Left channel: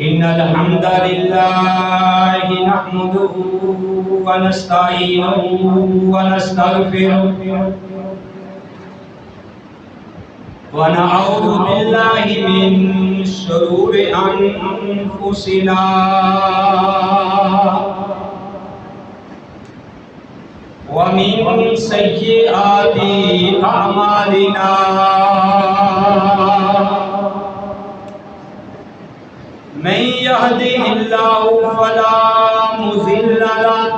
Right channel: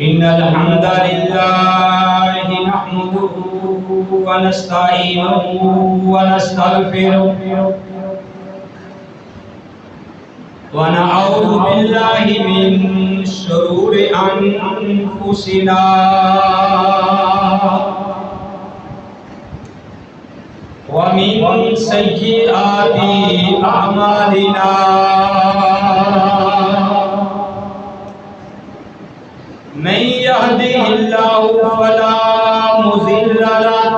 إن الحمد لله نحمده ونستعينه ونستغفره ونعوذ بالله من شرور أنفسنا ومن سيئات أعمالنا من يهده الله فلا مضل له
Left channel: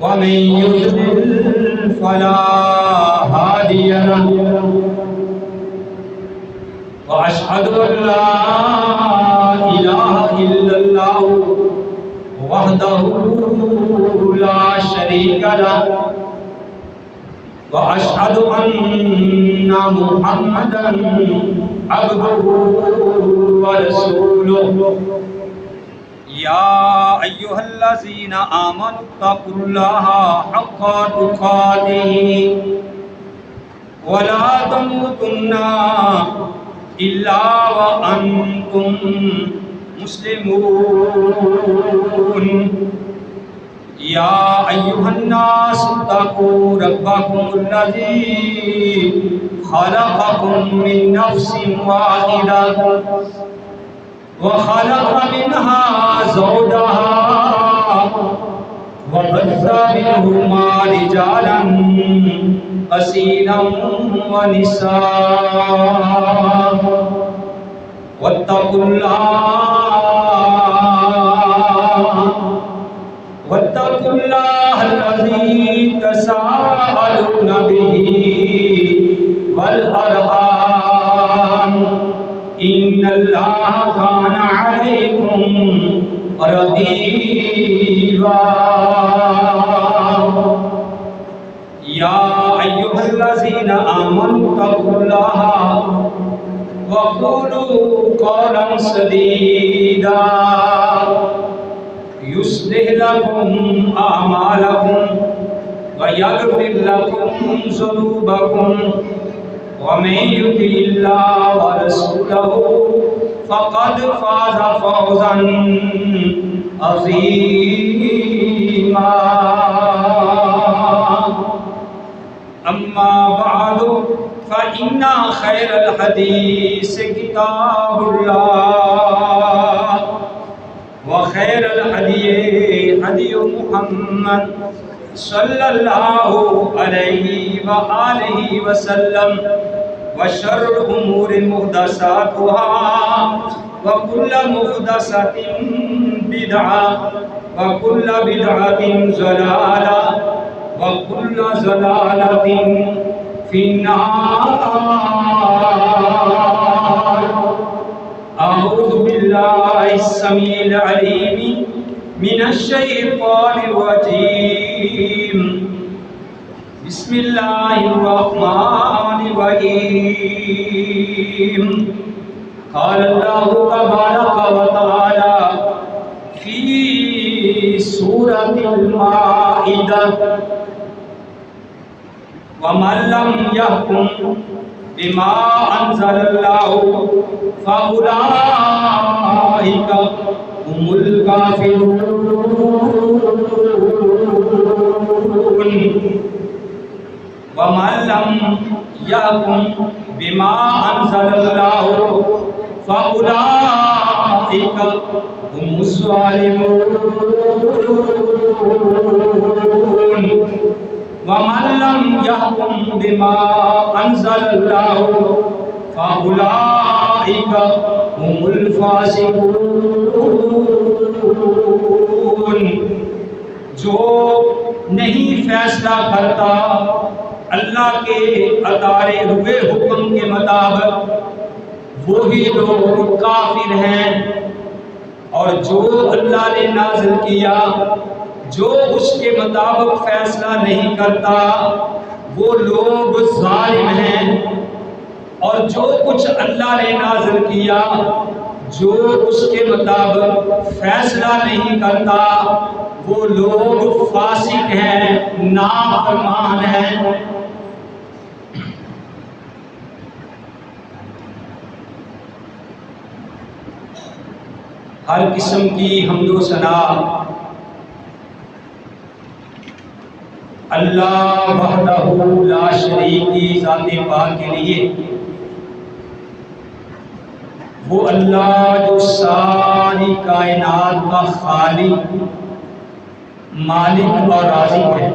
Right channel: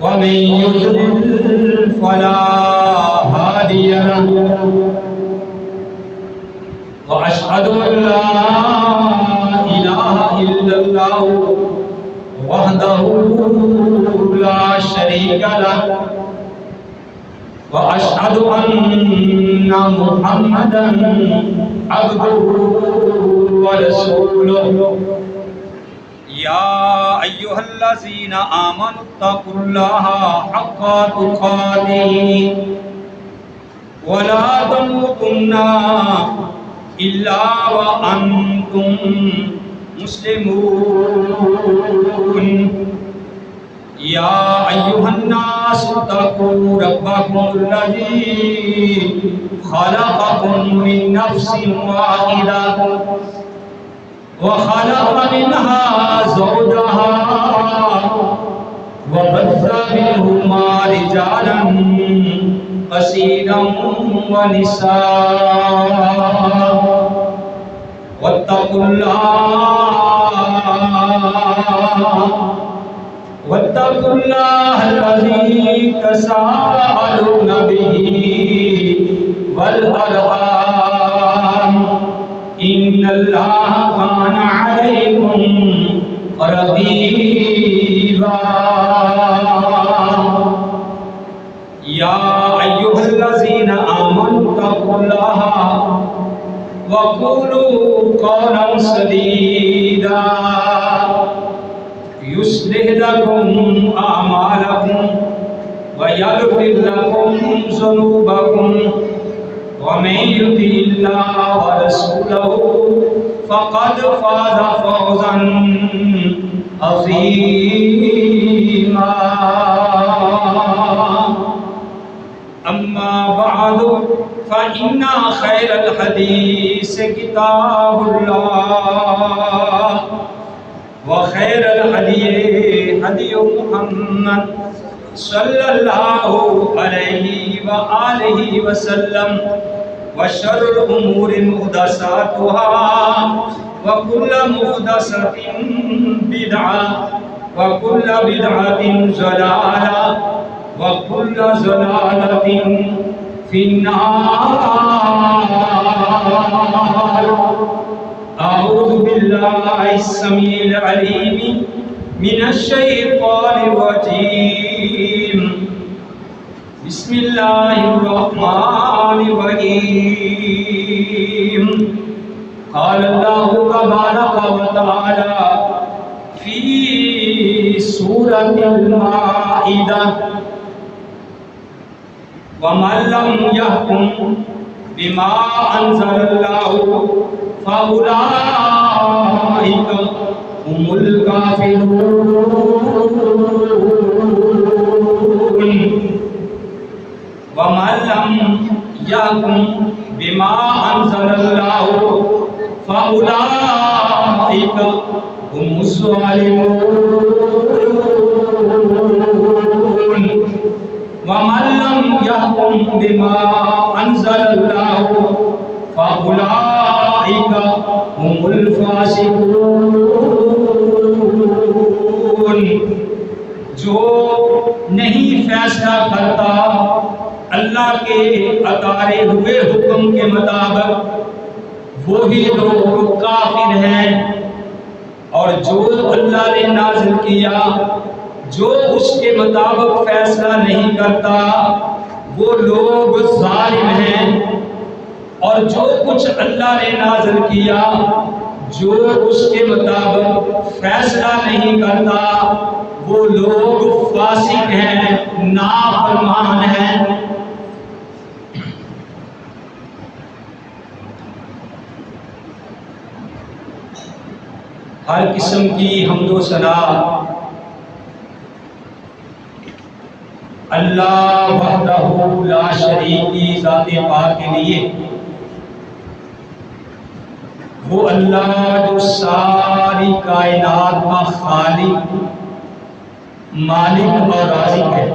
ومن يضلل فلا هادي له وأشهد أن لا إله إلا الله وحده لا شريك له وأشهد أن محمدا عبده ورسوله يا أيها الذين آمنوا اتقوا الله حق تقاته ولا تموتن إلا وأنتم مسلمون يا أيها الناس اتقوا ربكم الذي خلقكم من نفس واحدة وخلق منها زوجها وبث منهما رجالا كثيرا ونساء واتقوا الله الذي تساءلون به والأرحام إن الله كان عليكم رقيبا يا أيها الذين آمنوا اتقوا الله وقولوا قولا سديدا يصلح لكم أعمالكم ويغفر لكم ذنوبكم ومن يطع الله ورسوله فقد فاز فوزا عظيما أما بعد فإن خير الحديث كتاب الله وخير الهدي هدي محمد صلى الله عليه وآله وسلم وشر الأمور محدثاتها وكل محدثة بدعة وكل بدعة ضلالة وكل ضلالة في النار. أعوذ بالله السميع العليم من الشيطان الرجيم. بسم الله الرحمن الرحيم. قال الله تبارك وتعالى في سورة المائدة: ومن لم يحكم بما أنزل الله فأولئك هم الكافرون. ومن لم يحكم بما أنزل الله فأولئك هم الظالمون. ومن لم يحكم بما أنزل الله فأولئك هم الفاسقون. جو نہیں فیصلہ کرتا اللہ کے اتارے ہوئے حکم کے مطابق وہی لوگ کافر ہیں، اور جو اللہ نے نازل کیا جو اس کے مطابق فیصلہ نہیں کرتا وہ لوگ ظالم ہیں، اور جو کچھ اللہ نے نازل کیا جو اس کے مطابق فیصلہ نہیں کرتا وہ لوگ فاسق ہیں، نافرمان ہیں. ہر قسم کی حمد و ثنا اللہ وحدہ لا شریک کی ذات پاک کے لیے، وہ اللہ جو ساری کائنات کا خالق، مالک اور رازق ہے۔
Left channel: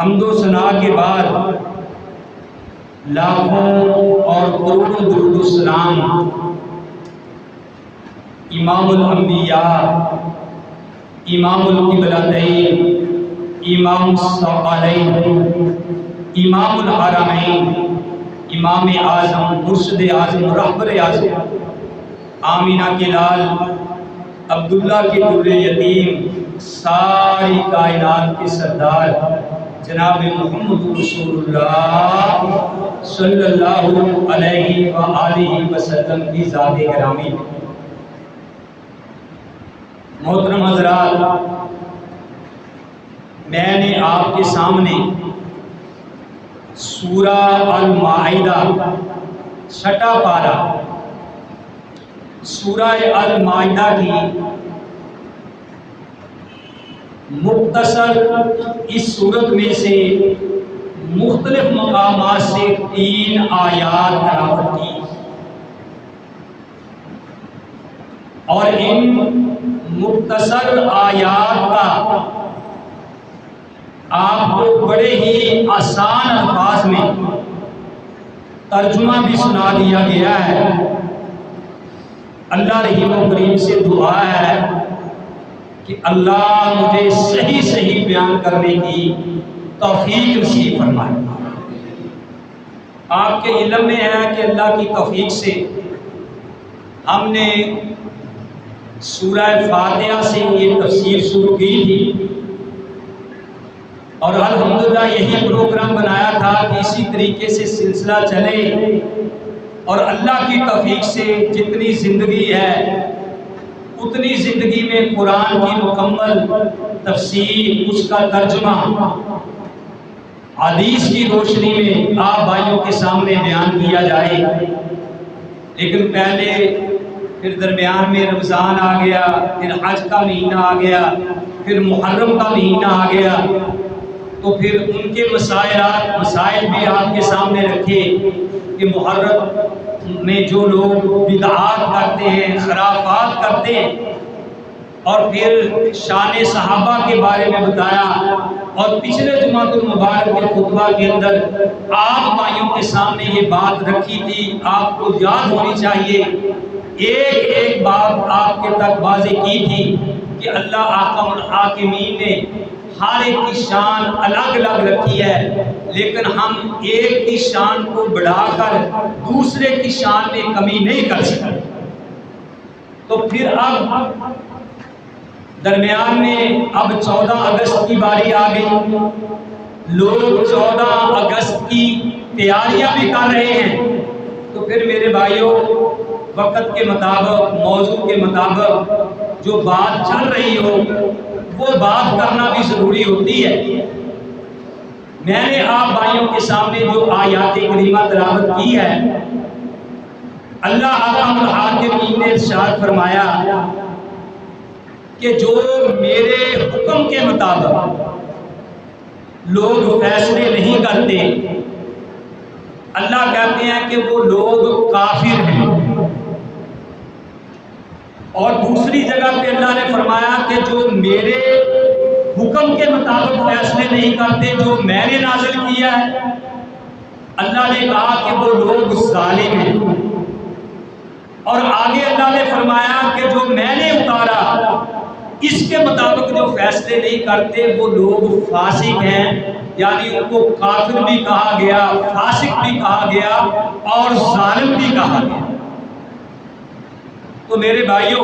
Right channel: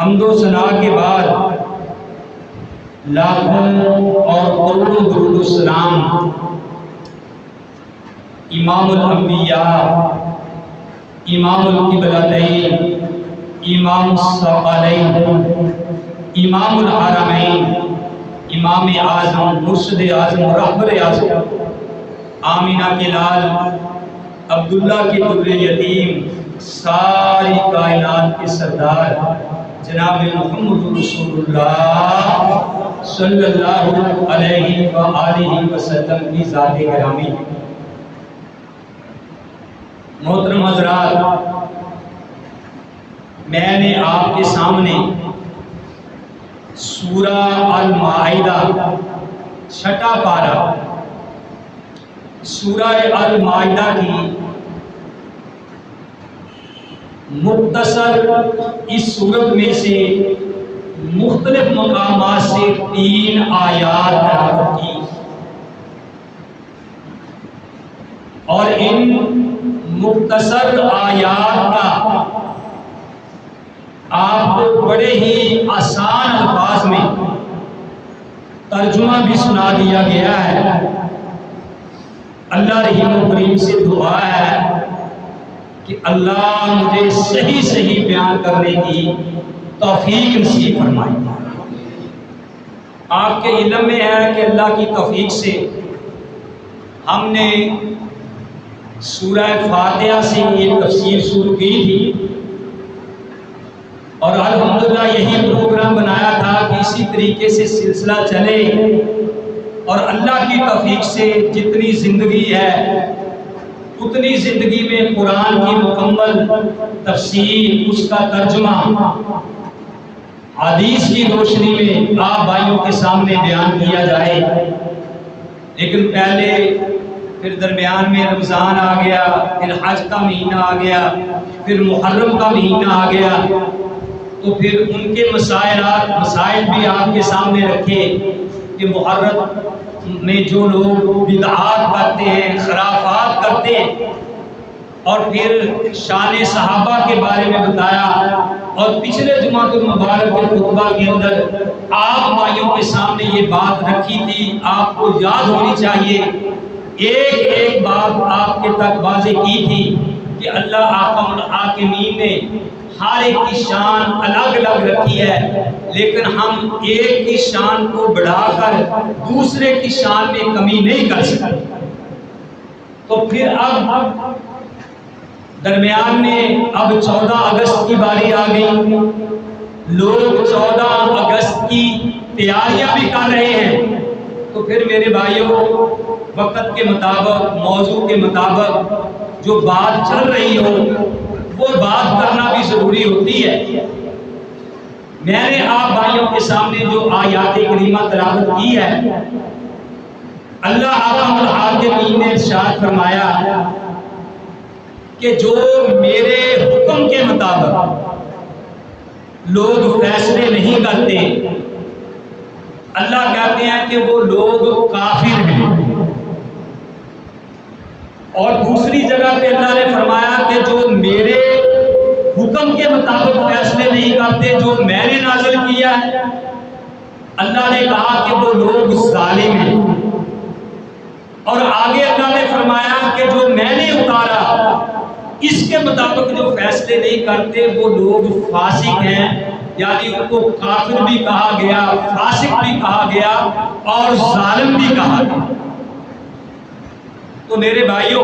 حمد و ثنا کے بعد لاکھوں اور کروڑوں درود و سلام امام الانبیاء، امام القبلتین، امام الثقلین، امام الحرمین، امام اعظم، مرشد اعظم، رہبر اعظم، آمینہ کے لال، عبداللہ کے در یتیم، ساری کائنات کے سردار جناب محمد رسول اللہ صلی اللہ علیہ وآلہ وسلم کی ذات گرامی۔ محترم حضرات، میں نے آپ کے سامنے سورہ المائدہ چھٹا پارہ، سورہ المائدہ کی مختصر اس صورت میں سے مختلف مقامات سے 3 آیات تلاوت کی، اور ان مختصر آیات کا آپ کو بڑے ہی آسان الفاظ میں ترجمہ بھی سنا دیا گیا ہے۔ اللہ رحیم و کریم سے دعا ہے کہ اللہ مجھے صحیح صحیح بیان کرنے کی توفیق نصیب فرمائے۔ آپ کے علم میں ہے کہ اللہ کی توفیق سے ہم نے سورہ فاتحہ سے یہ تفسیر شروع کی تھی، اور الحمدللہ یہی پروگرام بنایا تھا کہ اسی طریقے سے سلسلہ چلے، اور اللہ کی توفیق سے جتنی زندگی ہے اتنی زندگی میں قرآن کی مکمل تفسیر، اس کا ترجمہ حدیث کی روشنی میں آپ بھائیوں کے سامنے بیان کیا جائے۔ لیکن پہلے پھر درمیان میں رمضان آ گیا، پھر حج کا مہینہ آ گیا، پھر محرم کا مہینہ آ گیا، تو پھر ان کے مسائل بھی آپ کے سامنے رکھے کہ محرم میں جو لوگ بدعات کرتے ہیں، خرافات کرتے ہیں، اور پھر شان صحابہ کے بارے میں بتایا، اور پچھلے جمعہ المبارک کے خطبہ کے اندر آپ بھائیوں کے سامنے یہ بات رکھی تھی، آپ کو یاد ہونی چاہیے، ایک ایک بات آپ کے تک واضح کی تھی کہ اللہ احکم الحاکمین نے ہر ایک کی شان الگ الگ رکھی ہے، لیکن ہم ایک کی شان کو بڑھا کر دوسرے کی شان میں کمی نہیں کر سکتے۔ تو پھر اب درمیان میں اب 14 اگست کی باری آ گئی، لوگ 14 اگست کی تیاریاں بھی کر رہے ہیں، تو پھر میرے بھائیوں وقت کے مطابق، موضوع کے مطابق جو بات چل رہی ہو وہ بات کرنا بھی ضروری ہوتی ہے۔ میں نے آپ بھائیوں کے سامنے جو آیات کریمہ تلاوت کی ہے، اللہ احکم الحاکمین نے ارشاد فرمایا کہ جو میرے حکم کے مطابق لوگ فیصلے نہیں کرتے، اللہ کہتے ہیں کہ وہ لوگ کافر ہیں۔ اور دوسری جگہ پہ اللہ نے فرمایا کہ جو میرے حکم کے مطابق فیصلے نہیں کرتے جو میں نے نازل کیا ہے، اللہ نے کہا کہ وہ لوگ ظالم ہیں۔ اور آگے اللہ نے فرمایا کہ جو میں نے اتارا اس کے مطابق جو فیصلے نہیں کرتے وہ لوگ فاسق ہیں، یعنی ان کو کافر بھی کہا گیا، فاسق بھی کہا گیا، اور ظالم بھی کہا گیا۔ تو میرے بھائیوں،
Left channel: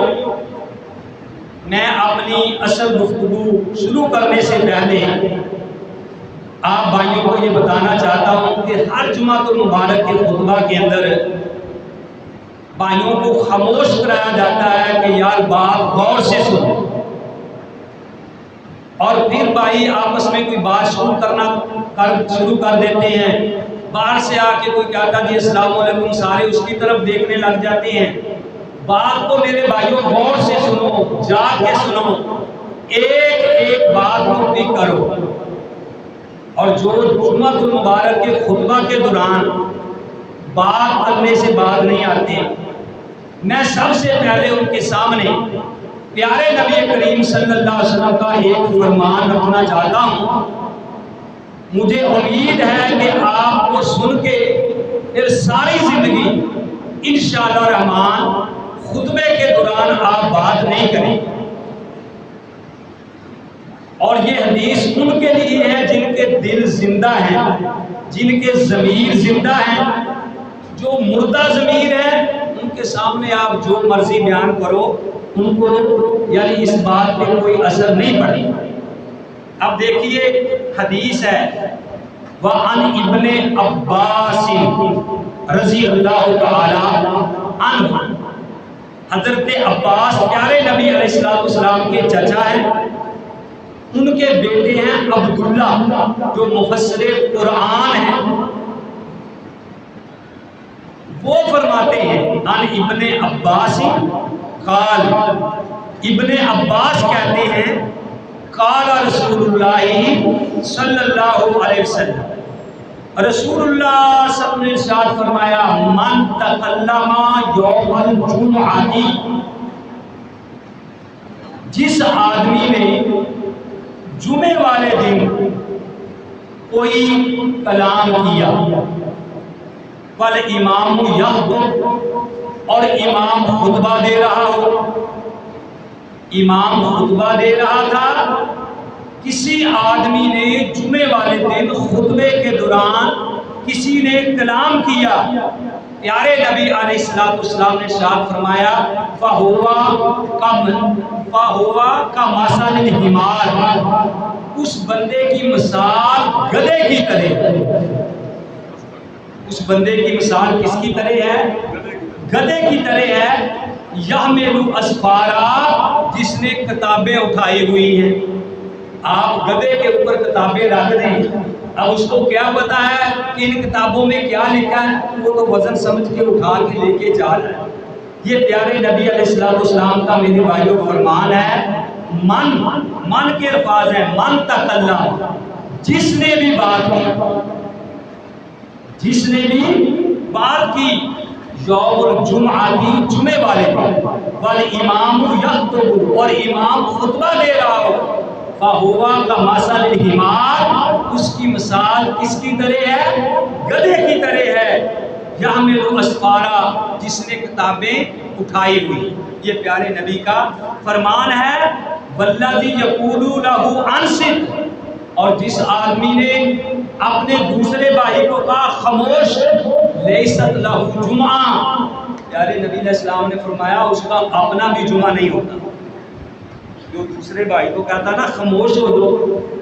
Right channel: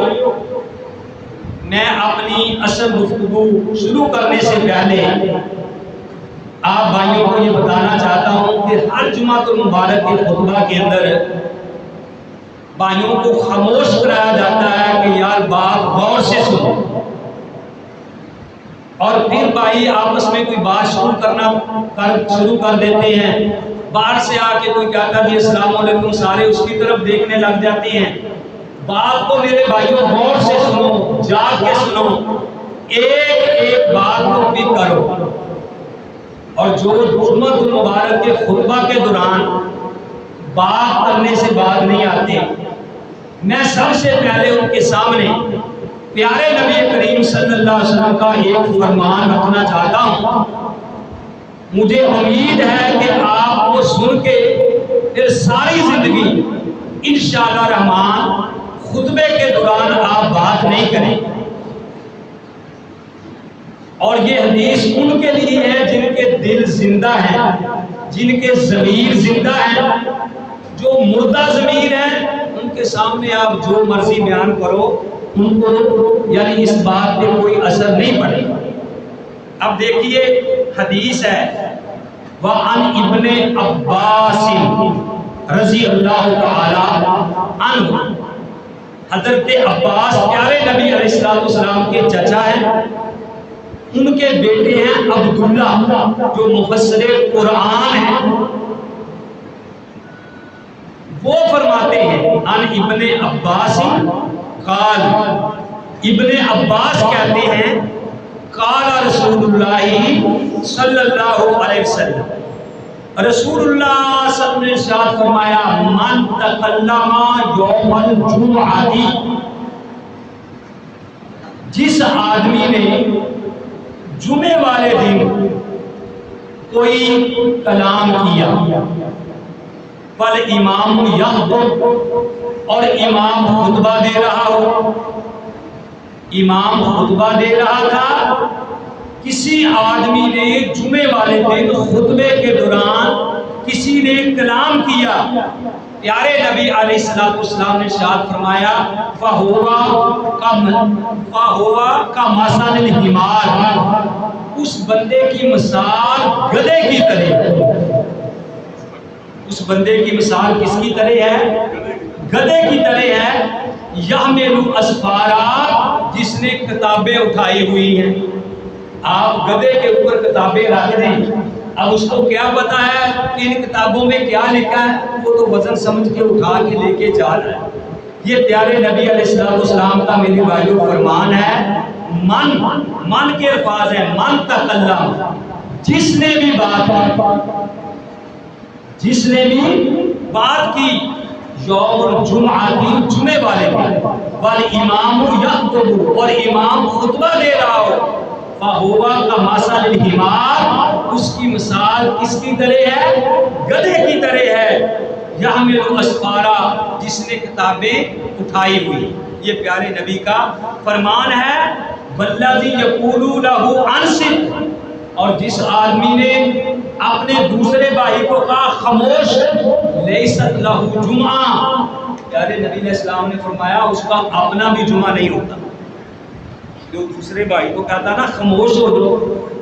میں اپنی اصل گفتگو شروع کرنے سے پہلے آپ بھائیوں کو یہ بتانا چاہتا ہوں کہ ہر جمعہ المبارک کے خطبہ کے اندر بھائیوں کو خاموش کرایا جاتا ہے کہ یار بات غور سے سنو، اور پھر بھائی آپس میں کوئی بات شروع کر دیتے ہیں، باہر سے آ کے کوئی کہتا جی السلام علیکم، سارے اس کی طرف دیکھنے لگ جاتے ہیں، بات کو میرے بھائیوں غور سے سنو، جاگ کے سنو، ایک ایک بات کو بھی کرو، اور جو جمعہ المبارک کے خطبہ کے دوران بات کرنے سے بعد نہیں آتے، میں سب سے پہلے ان کے سامنے پیارے نبی کریم صلی اللہ علیہ وسلم کا ایک فرمان رکھنا چاہتا ہوں۔ مجھے امید ہے کہ آپ کو سن کے پھر ساری زندگی انشاءاللہ رحمان خطبے کے دوران آپ بات نہیں کریں۔ اور یہ حدیث ان کے لیے ہے جن کے دل زندہ ہیں، جن کے ضمیر زندہ ہیں۔ جو مردہ ضمیر ہیں ان کے سامنے آپ جو مرضی بیان کرو، ان کو یعنی اس بات پہ کوئی اثر نہیں پڑے۔ اب دیکھیے حدیث ہے، وَعَنْ ابن عباس رضی اللہ تعالی عنہ، حضرت عباس پیارے نبی علیہ السلام کے چچا ہیں، ان کے بیٹے ہیں عبداللہ جو مفسر قرآن ہیں۔ وہ فرماتے ہیں ان ابن عباس قال، ابن عباس کہتے ہیں قال رسول اللہ صلی اللہ علیہ وسلم، رسول اللہ صلی اللہ علیہ وسلم نے ارشاد فرمایا، من تکلم یوم الجمعہ، جس آدمی نے جمعے والے دن کوئی کلام کیا، فالامام یخطب، اور امام خطبہ دے رہا ہو، امام خطبہ دے رہا تھا، کسی آدمی نے جمعے والے دن خطبے کے دوران کسی نے کلام کیا، پیارے نبی علیہ السلام نے ارشاد فرمایا، فَهُوَ كَمَثَلِ الْحِمَارِ، اس بندے کی مثال گدھے کی طرح، اس بندے کی مثال کس کی طرح ہے؟ گدھے کی طرح ہے، یحمل اسفارا، جس نے کتابیں اٹھائی ہوئی ہیں۔ آپ گدھے کے اوپر کتابیں رکھ دیں، اب اس کو کیا پتا ہے کہ ان کتابوں میں کیا لکھا ہے؟ وہ تو وزن سمجھ کے اٹھا کے لے کے جا رہا ہے۔ یہ پیارے نبی علیہ السلام کا میرے بھائیوں فرمان ہے، من کے الفاظ ہیں، من تکلم، جس نے بھی بات کی، جس نے بھی بات کی، یوم الجمعہ کی، جمعے والے دن، والامام یخطب، اور امام خطبہ دے رہا ہو، فَهُوَ كَمَثَلِ الْحِمَارِ، اس کی مثال کس کی طرح ہے؟ گدھے کی طرح ہے، یحمل اسفارا، جس نے کتابیں اٹھائی ہوئی۔ یہ پیارے نبی کا فرمان ہے، وَالَّذِي يَقُولُ لَهُ أَنصِتْ، اور جس آدمی نے اپنے دوسرے بھائی کو کہا خاموش، لیست لہو جمعہ، پیارے نبی علیہ السلام نے فرمایا اس کا اپنا بھی جمعہ نہیں ہوتا۔ جو دوسرے بھائی کو کہتا نا خاموش ہو جو،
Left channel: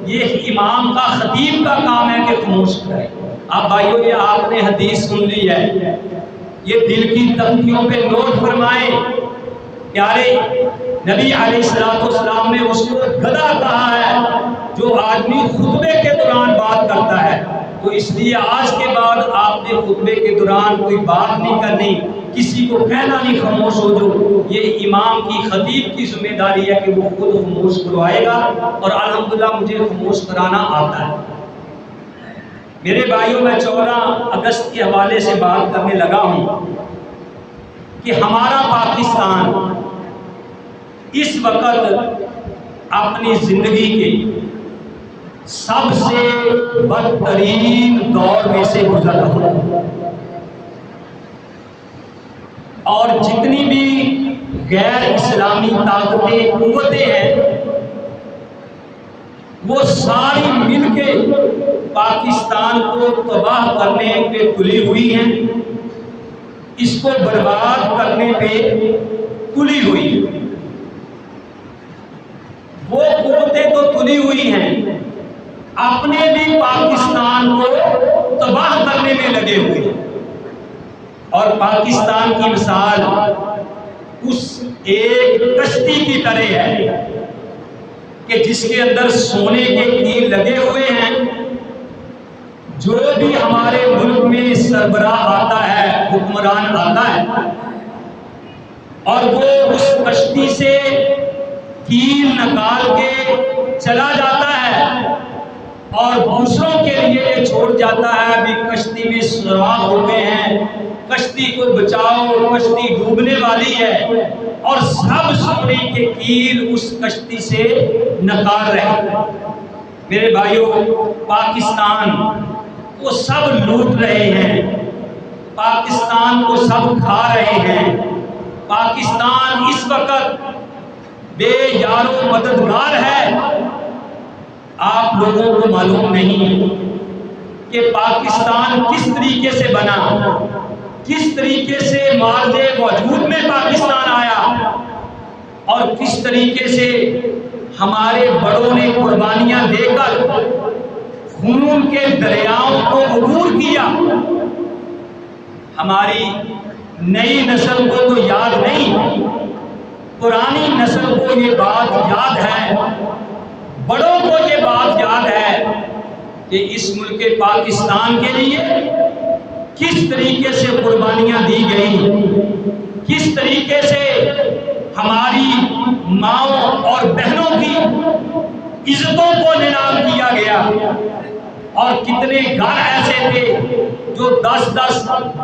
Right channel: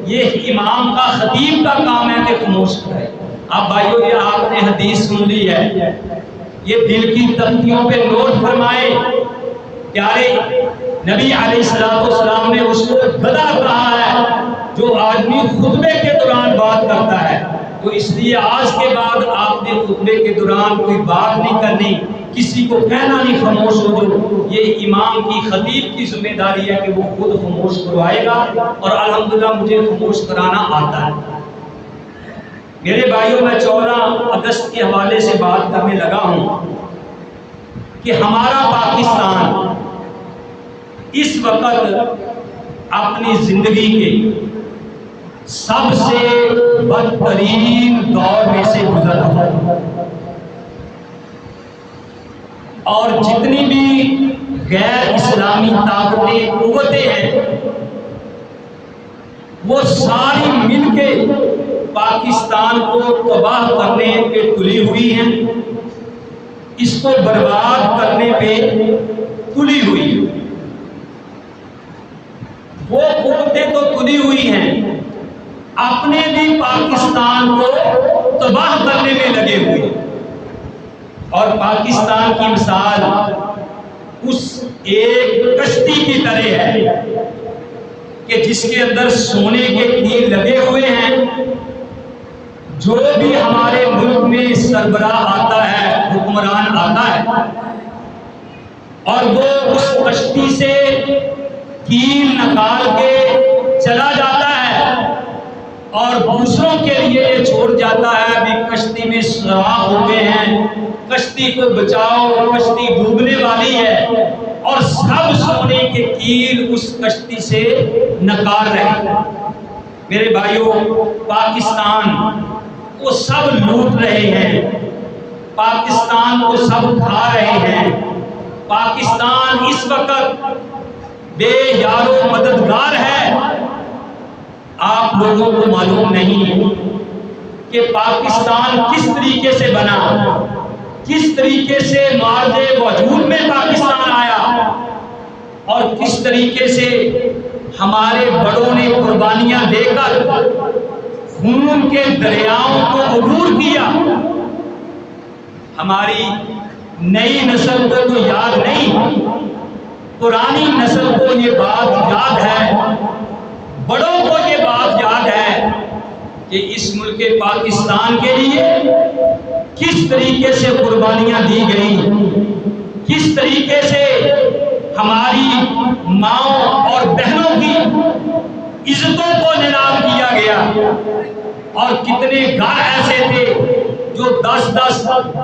یہ امام کا، خطیب کا کام ہے کہ خاموش کرے۔ اب بھائیو یہ آپ نے حدیث سن لی ہے، یہ دل کی تختیوں پہ نوٹ فرمائے، پیارے نبی علیہ السلام نے اس کو گدھا کہا ہے جو آدمی خطبے کے دوران بات کرتا ہے۔ تو اس لیے آج کے بعد آپ نے خطبے کے دوران کوئی بات نہیں کرنی، کسی کو کہنا نہیں خاموش ہو جو، یہ امام کی، خطیب کی ذمہ داری ہے کہ وہ خود خاموش کروائے گا، اور الحمدللہ مجھے خاموش کرانا آتا ہے۔ میرے بھائیوں، میں 14 اگست کے حوالے سے بات کرنے لگا ہوں کہ ہمارا پاکستان اس وقت اپنی زندگی کے سب سے بدترین دور میں سے گزر رہا ہے، اور جتنی بھی غیر اسلامی طاقتیں، قوتیں ہیں، وہ ساری مل کے پاکستان کو تباہ کرنے پہ تلی ہوئی ہیں، اس کو برباد کرنے پہ تلی ہوئی ہیں۔ وہ قوتیں تو تلی ہوئی ہیں، اپنے بھی پاکستان کو تباہ کرنے میں لگے ہوئے ہیں، اور پاکستان کی مثال اس ایک کشتی کی طرح ہے کہ جس کے اندر سونے کے تیر لگے ہوئے ہیں۔ جو بھی ہمارے ملک میں سربراہ آتا ہے، حکمران آتا ہے، اور وہ اس کشتی سے کیل نکال کے چلا جاتا ہے اور دوسروں کے لیے یہ چھوڑ جاتا ہے ابھی کشتی میں سوراخ ہو گئے ہیں، کشتی کو بچاؤ، کشتی ڈوبنے والی ہے، اور سب سونے کے کیل اس کشتی سے نکال رہے ہیں۔ میرے بھائیوں، پاکستان کو سب لوٹ رہے ہیں، پاکستان کو سب کھا رہے ہیں، پاکستان اس وقت بے یار و مددگار ہے۔ آپ لوگوں کو معلوم نہیں کہ پاکستان کس طریقے سے بنا، کس طریقے سے مارج وجود میں پاکستان آیا، اور کس طریقے سے ہمارے بڑوں نے قربانیاں دے کر خون کے دریاؤں کو عبور کیا۔ ہماری نئی نسل کو تو یاد نہیں، پرانی نسل کو یہ بات یاد ہے، بڑوں کو یہ بات یاد ہے کہ اس ملک پاکستان کے لیے کس طریقے سے قربانیاں دی گئیں، کس طریقے سے ہماری ماؤں اور بہنوں کی عزتوں کو نیلام کیا گیا، اور کتنے گھر ایسے تھے جو 10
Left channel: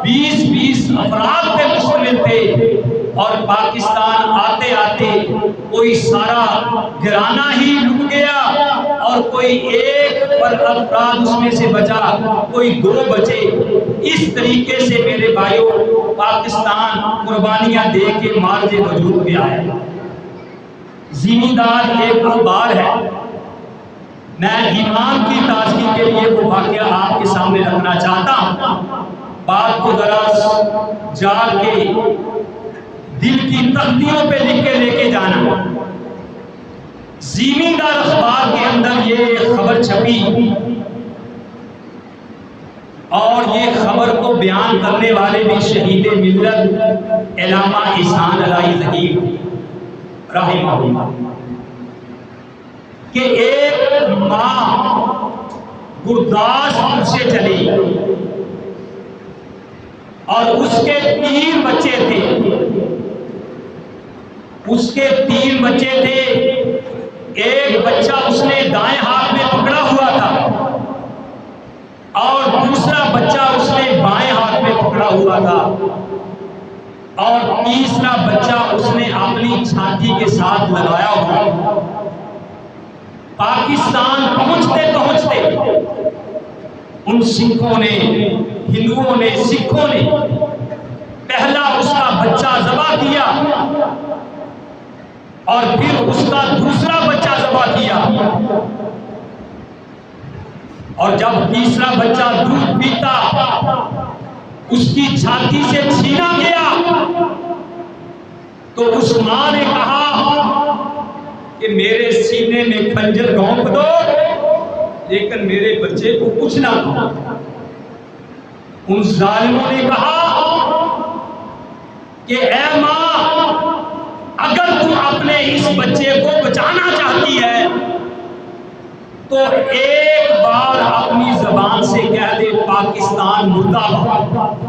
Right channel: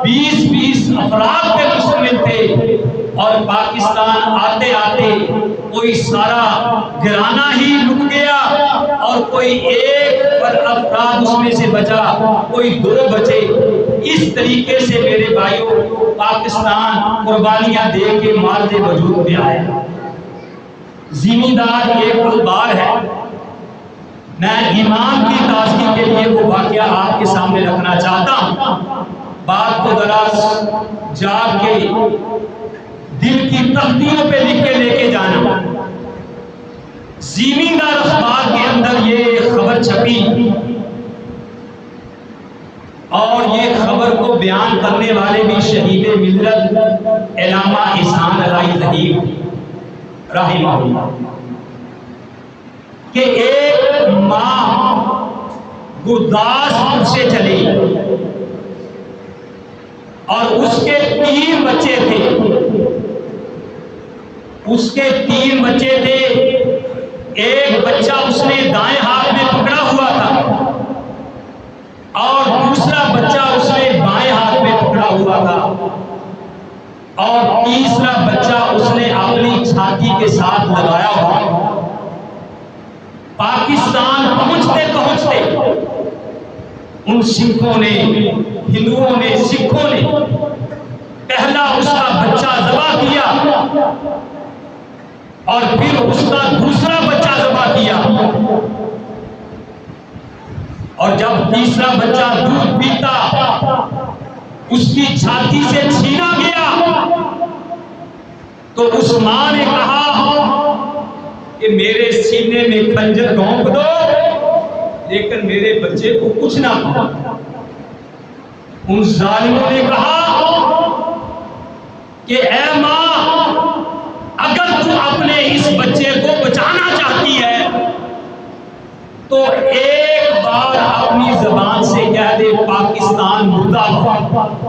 20 افراد پہ مشتمل تھے، اور پاکستان آتے آتے کوئی سارا گھرانہ ہی لٹ گیا، اور کوئی ایک پر افراد اس میں سے بچا، کوئی 2 بچے۔ اس طریقے سے میرے بھائیوں پاکستان قربانیاں دے کے مارج وجود میں آیا۔ زمیندار ایک اخبار ہے، میں ایمان کی تازگی کے لیے وہ واقعہ آپ کے سامنے رکھنا چاہتا ہوں، بات کو ذرا جاگ کے دل کی تختیوں پہ لکھ کے لے کے جانا۔ زمیندار اخبار کے اندر یہ خبر چھپی، اور یہ خبر کو بیان کرنے والے بھی شہید ملت علامہ احسان علائی ظہیر رحمہ اللہ، کہ ایک ماں گرداسپور سے چلی اور اس کے 3 بچے تھے، اس کے 3 بچے تھے، ایک بچہ اس نے دائیں ہاتھ میں پکڑا ہوا تھا، اور دوسرا بچہ اس نے بائیں ہاتھ میں پکڑا ہوا تھا، اور تیسرا بچہ اس نے اپنی چھاتی کے ساتھ لگایا ہوا۔ پاکستان پہنچتے پہنچتے ان سکھوں نے، ہندوؤں نے، سکھوں نے پہلا اس کا بچہ ذبح کیا، اور پھر اس کا دوسرا بچہ ذبح کیا، اور جب تیسرا بچہ دودھ پیتا اس کی چھاتی سے چھینا گیا، تو اس ماں نے کہا کہ میرے سینے میں خنجر گھونپ دو لیکن میرے بچے کو کچھ نہ ہو۔ ان ظالموں نے کہا کہ اے ماں، اگر تم اپنے اس بچے کو بچانا چاہتی ہے تو ایک بار اپنی زبان سے کہہ دے پاکستان مردہ باد۔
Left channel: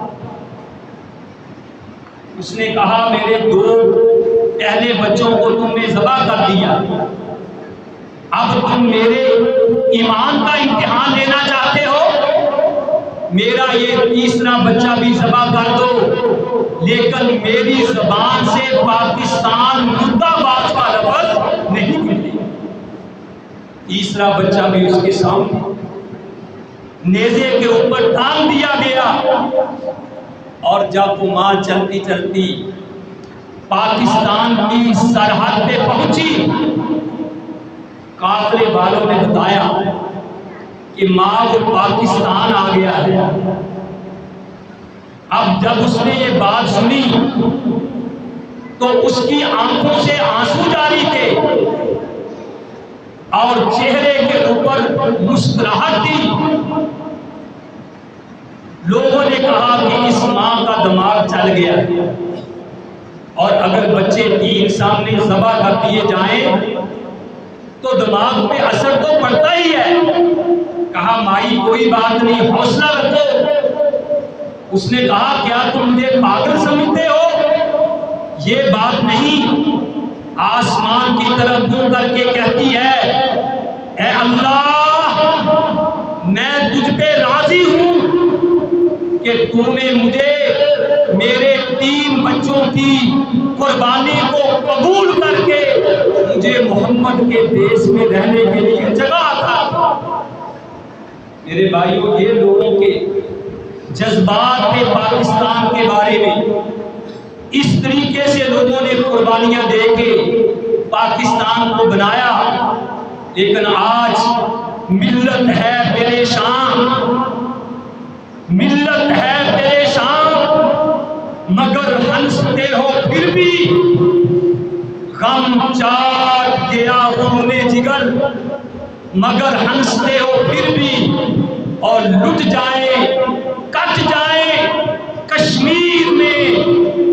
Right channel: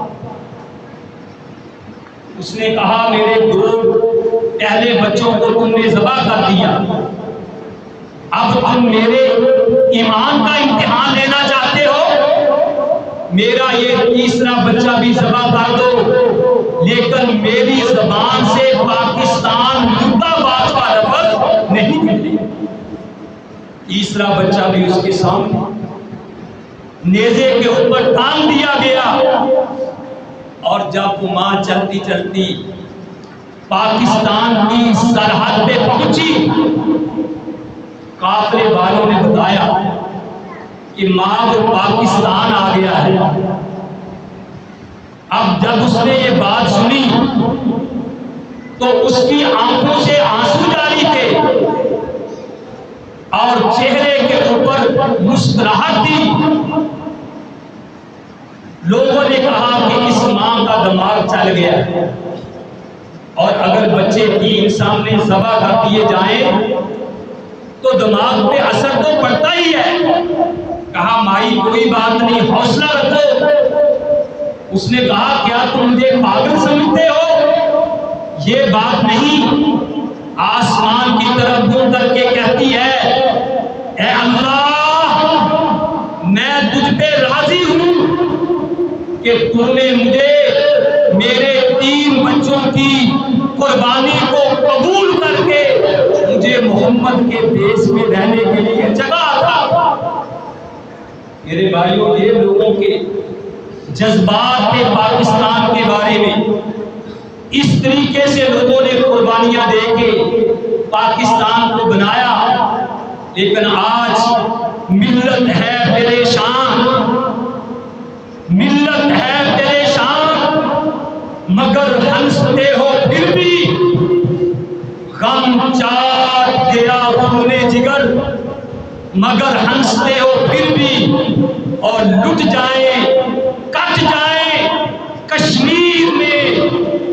اس نے کہا میرے 2 پہلے بچوں کو تم نے ذبح کر دیا، اب تم میرے ایمان کا امتحان لینا چاہتے ہو، میرا یہ تیسرا بچہ بھی ذبح کر دو لیکن میری زبان سے پاکستان مردہ باد کا لفظ نہیں نکلے۔ تیسرا بچہ بھی اس کے سامنے نیزے کے اوپر ٹانگ دیا گیا، اور جب وہ ماں چلتی چلتی پاکستان کی سرحد پہ پہنچی، قافلے والوں نے بتایا کہ ماں وہ پاکستان آ گیا ہے۔ اب جب اس نے یہ بات سنی تو اس کی آنکھوں سے آنسو جاری تھے اور چہرے کے اوپر مسکراہٹ تھی۔ لوگوں نے کہا کہ اس ماں کا دماغ چل گیا، اور اگر بچے 3 سامنے ذبح کر دیے جائیں تو دماغ پہ اثر تو پڑتا ہی ہے۔ کہا مائی کوئی بات نہیں، حوصلہ رکھو۔ اس نے کہا کیا تم مجھے پاگل سمجھتے ہو؟ یہ بات نہیں، آسمان کی طرف منہ کر کے کہتی ہے اے اللہ میں تجھ پہ راضی ہوں کہ تو نے مجھے میرے 3 بچوں کی قربانی کو قبول کر کے مجھے محمد کے دیش میں رہنے کے لیے جگہ عطا کی۔ میرے بھائیوں، یہ لوگوں کے جذبات کے پاکستان کے بارے میں اس طریقے سے لوگوں نے قربانیاں دے کے پاکستان کو بنایا، لیکن آج ملت ہے پریشان، ملت ہے پریشان، مگر ہنستے ہو پھر بھی، غم چاٹ گیا خون جگر، مگر ہنستے ہو پھر بھی، اور لٹ جائیں کٹ جائیں کشمیر میں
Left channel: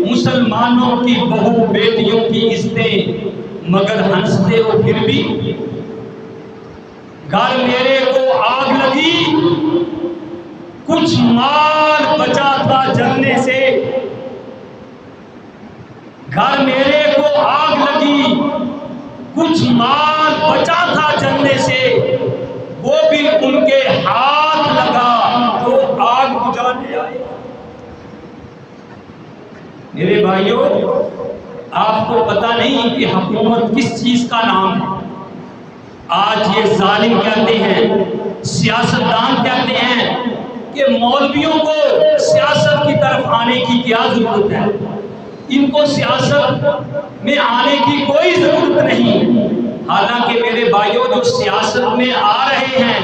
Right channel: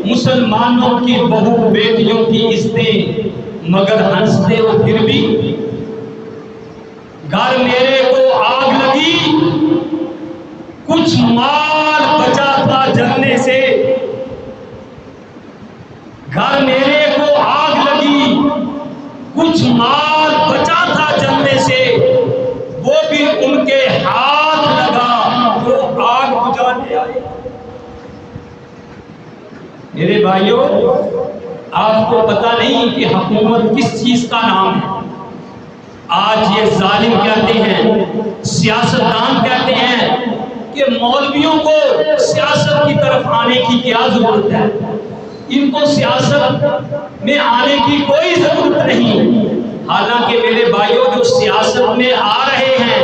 مسلمانوں کی بہو بیٹیوں کی عزتیں، مگر ہنستے ہو پھر بھی۔ گھر میرے کو آگ لگی، کچھ مال بچا تھا جلنے سے، گھر میرے کو آگ لگی، کچھ مال بچا تھا جلنے سے، وہ بھی ان کے ہاتھ لگا تو آگ بجھانے آئے۔ میرے بھائیوں، آپ کو پتہ نہیں کہ حکومت کس چیز کا نام ہے۔ آج یہ ظالم کہتے ہیں، سیاستدان کہتے ہیں کہ مولویوں کو سیاست کی طرف آنے کی کیا ضرورت ہے، ان کو سیاست میں آنے کی کوئی ضرورت نہیں۔ حالانکہ میرے بھائیوں، جو سیاست میں آ رہے ہیں،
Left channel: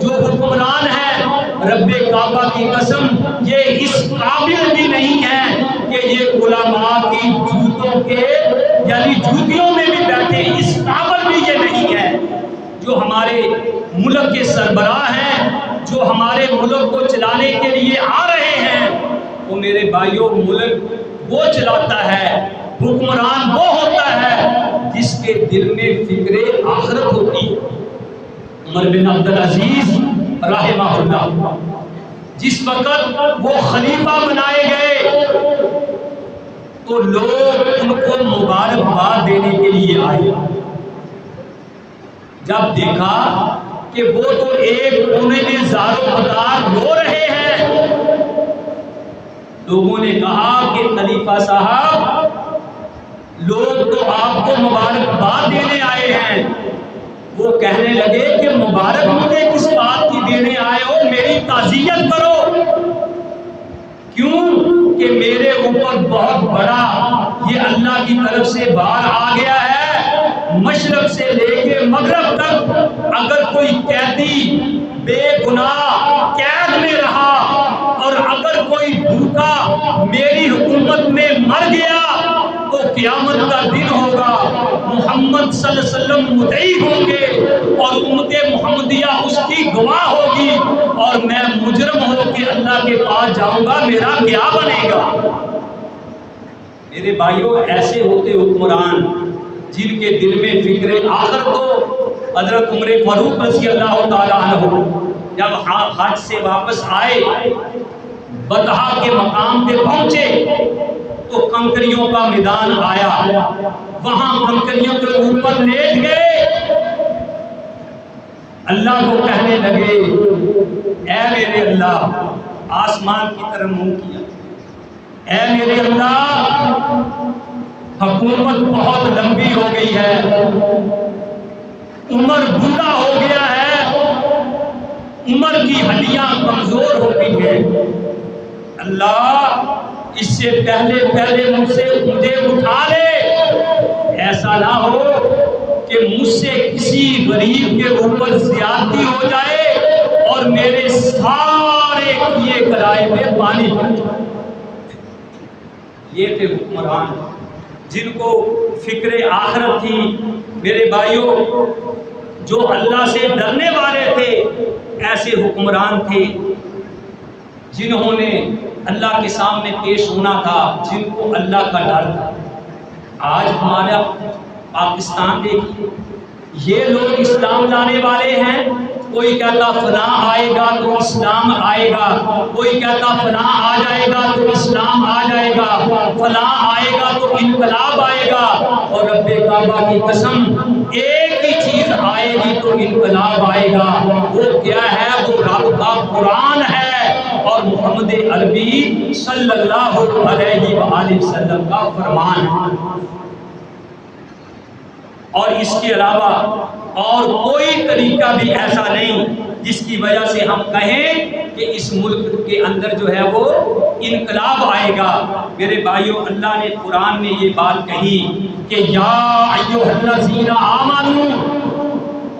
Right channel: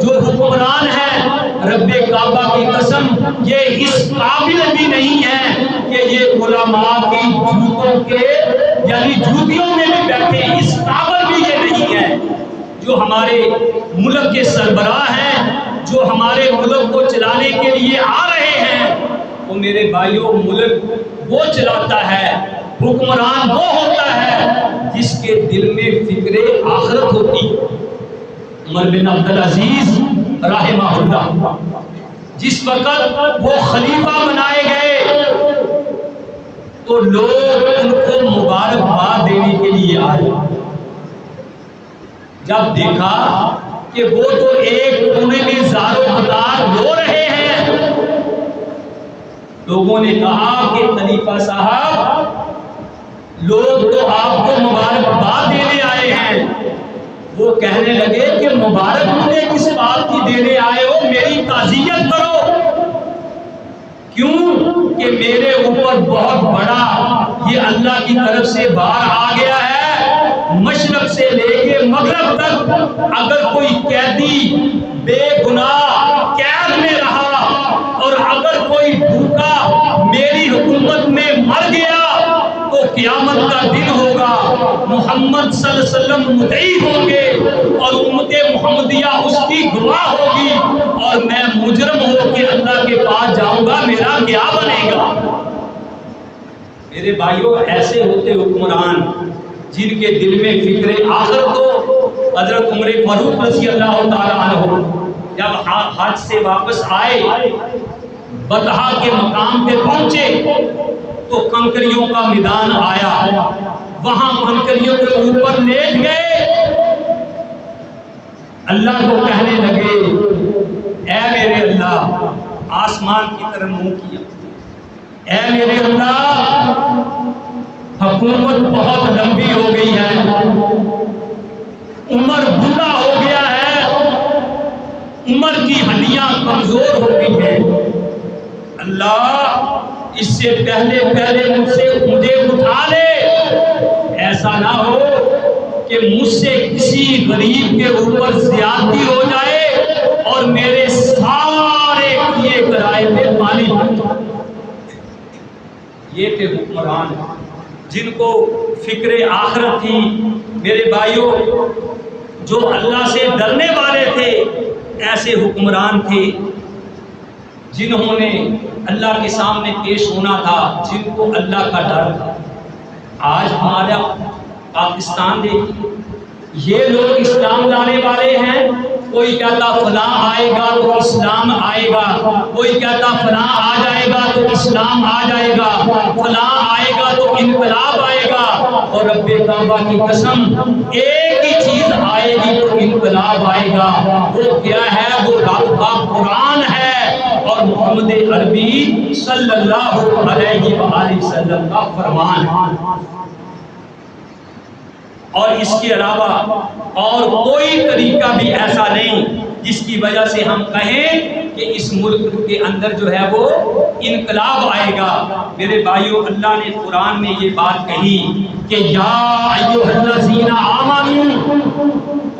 جو حکمران ہیں، رب کعبہ کی قسم یہ اس قابل بھی نہیں ہے کہ یہ علماء کی جوتوں کے یعنی جوتیوں میں بھی بیٹھے، اس قابل بھی یہ نہیں ہے۔ جو ہمارے ملک کے سربراہ ہیں، جو ہمارے ملک کو چلانے کے لیے آ رہے ہیں، وہ میرے بھائیوں ملک وہ چلاتا ہے، حکمران وہ ہوتا ہے جس کے دل میں فکر آخرت ہوتی ہے۔ عمر بن عبدالعزیز رحمہ اللہ جس وقت وہ خلیفہ بنائے گئے تو لوگ ان کو مبارکباد دینے کے لیے آئے۔ جب دیکھا کہ وہ تو ایک کونے میں زارو قطار رو رہے ہیں، لوگوں نے کہا کہ خلیفہ صاحب لوگ تو آپ کو مبارکباد دینے آئے ہیں۔ وہ کہنے لگے کہ مبارک مجھے کس بات کی دینے آئے ہو، میری تعزیت کرو۔ کیوں کہ میرے اوپر بہت بڑا یہ اللہ کی طرف سے بار آ گیا ہے، مشرق سے لے کے مغرب تک اگر کوئی قیدی بے گناہ قید میں رہا اور اگر کوئی بھوکا میری حکومت میں مر گیا تو قیامت کا دن ہوگا، محمد صلی اللہ علیہ وسلم مدعی ہوں گے اور امت محمدیہ اس کی گواہ ہوگی، اور میں مجرم ہو کے اللہ کے پاس جاؤں گا، میرا کیا بنے گا؟ میرے بھائیوں، ایسے ہوتے حکمران جن کے دل میں فکر آخرت ہو۔ حضرت عمر فاروق رضی اللہ تعالی عنہ جب حج سے واپس آئے، بطحا کے مقام پہ پہنچے تو کنکریوں کا میدان آیا، وہاں کنکریوں کے اوپر لیٹ گئے، اللہ کو کہنے لگے اے میرے اللہ، آسمان کی طرف منہ کیا، اے میرے اللہ حکومت بہت لمبی ہو گئی ہے، عمر بوڑھا ہو گیا ہے، عمر کی ہڈیاں کمزور ہو گئی ہیں، اللہ اس سے پہلے مجھے اٹھا لے، ایسا نہ ہو کہ مجھ سے کسی غریب کے اوپر زیادتی ہو جائے اور میرے سارے کیے کرائے پہ پانی بن جائے۔ یہ تھے حکمران جن کو فکر آخرت تھی۔ میرے بھائیوں، جو اللہ سے ڈرنے والے تھے، ایسے حکمران تھے جنہوں نے اللہ کے سامنے پیش ہونا تھا، جن کو اللہ کا ڈر تھا۔ آج ہمارا پاکستان دیکھیے، یہ لوگ اسلام لانے والے ہیں، کوئی کہتا فلاں آئے گا تو اسلام آئے گا، کوئی کہتا فلاں آ جائے گا تو اسلام آ جائے گا، فلاں آئے گا تو انقلاب آئے گا، اور رب کعبہ کی قسم ایک ہی چیز آئے گی تو انقلاب آئے گا، وہ کیا ہے؟ وہ رب کا قرآن ہے اور محمد عربی صلی اللہ علیہ وآلہ وسلم کا فرمان ہے۔ اور اس کے علاوہ اور کوئی طریقہ بھی ایسا نہیں جس کی وجہ سے ہم کہیں کہ اس ملک کے اندر جو ہے وہ انقلاب آئے گا۔ میرے بھائیو، اللہ نے قرآن میں یہ بات کہی کہ یا ایھا الذین آمنوا